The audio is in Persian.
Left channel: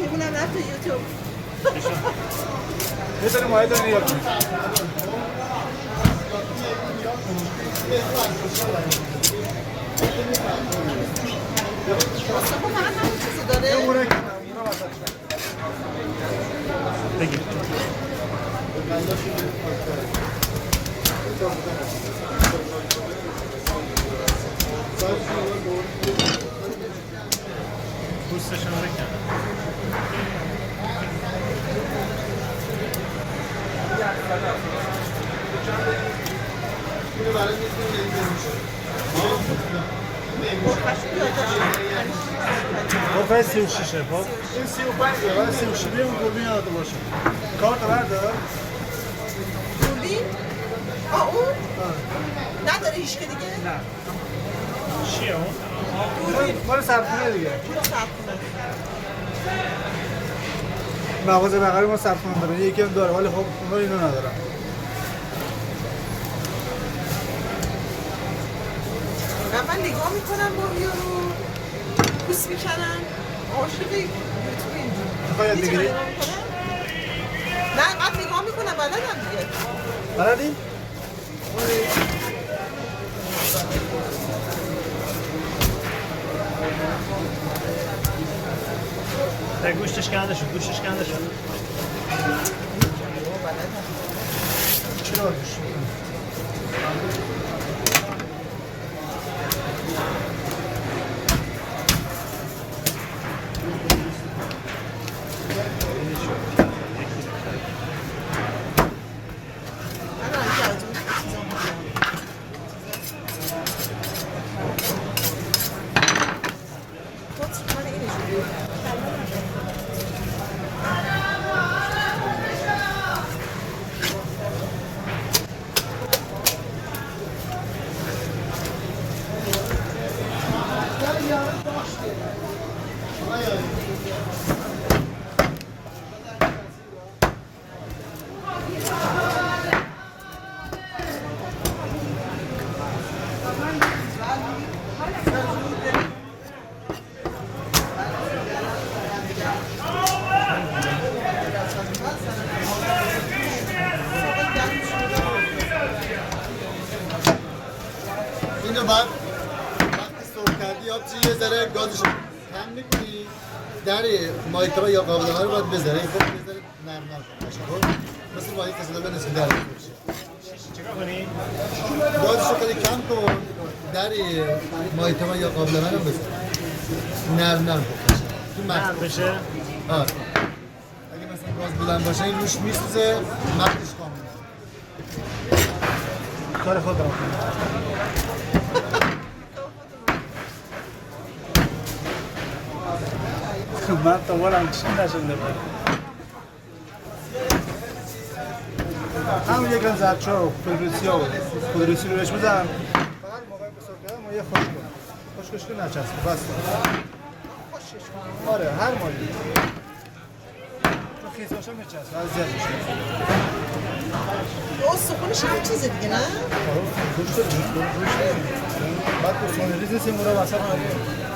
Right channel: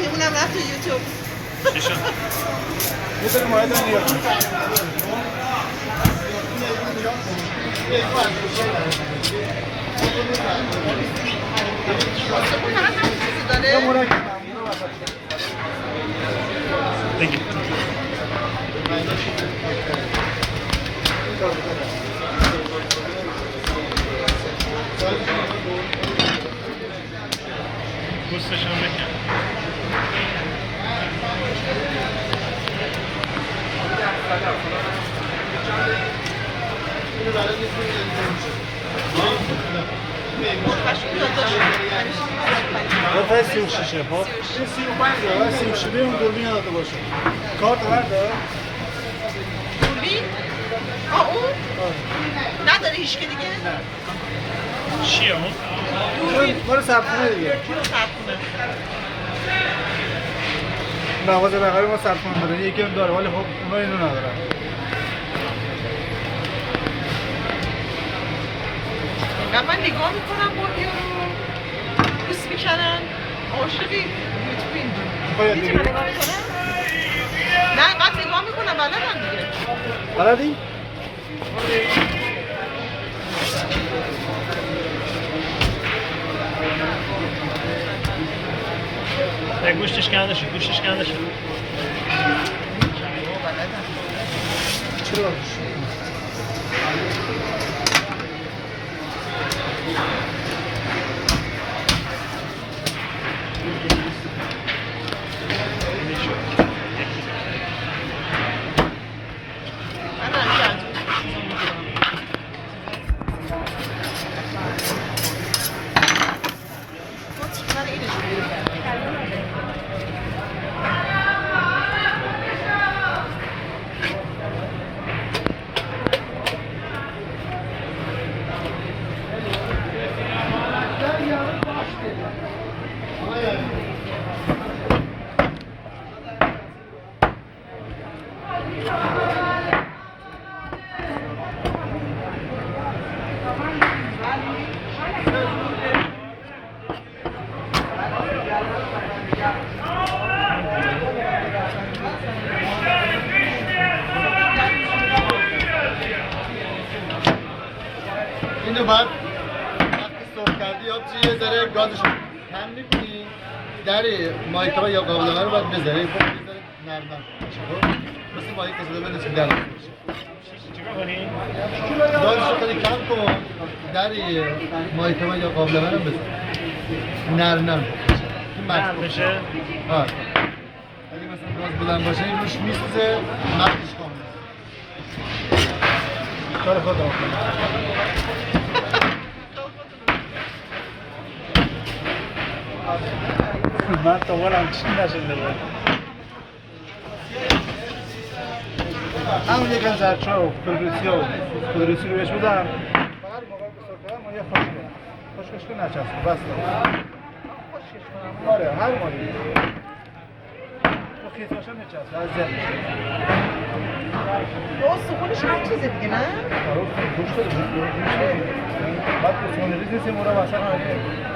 ماهیمون هم رفت تو یوتیوب. یه دونه ماهی داره نگاه کن. داره. بگید. پوستشون بکن. قفل 36 خب 35 36 بیام دوربین نداده باشه کارت بردار دوربین؟ اون؟ نداره هیچ که دیگه؟ نه چیه اون؟ مال سرخونه دیگه سرخونه مغازه بغلی ما سرخونه داره یکی هم داره ولی خب اونها اینو ندارن من نگاه میکنم با یارو پوست میکنن عاشقی یوتیوبی میتونم نگاه میکنم؟ نه اینقدر نگاه میکنم بلدم دیگه بلدی؟ گوشتش کنده شد گوشتش کنده شد چرا اینو بعد وقتی سرخ کردی یه ذره گازشو کم می‌کنی در مایکرو یا قابلمه رو باید بذاری خب بذاری نرم باشه خب مثل ماهی که صدا بنویسی در چیکار کنی؟ گازشو خیلی کم کن در مایکرو یا قابلمه رو بذار نرم بشه این مخت بشه آره اگه مثلا گاز بلند باشه این روش میسوزه مختش کامل کار خود را من تا ولم چی نشده بود همون یکم زرچه و کدرسی رو بهش بدم فقط موقع بسار کردم ما یه خوشکش که نچسبه بس آره هر مالی تو خیز باشه میچسبه از زر میشه او سخونش هم چیزه دیگه نه؟ آره خوش داره بعد بسیار ریز نیست این مورا واسه همه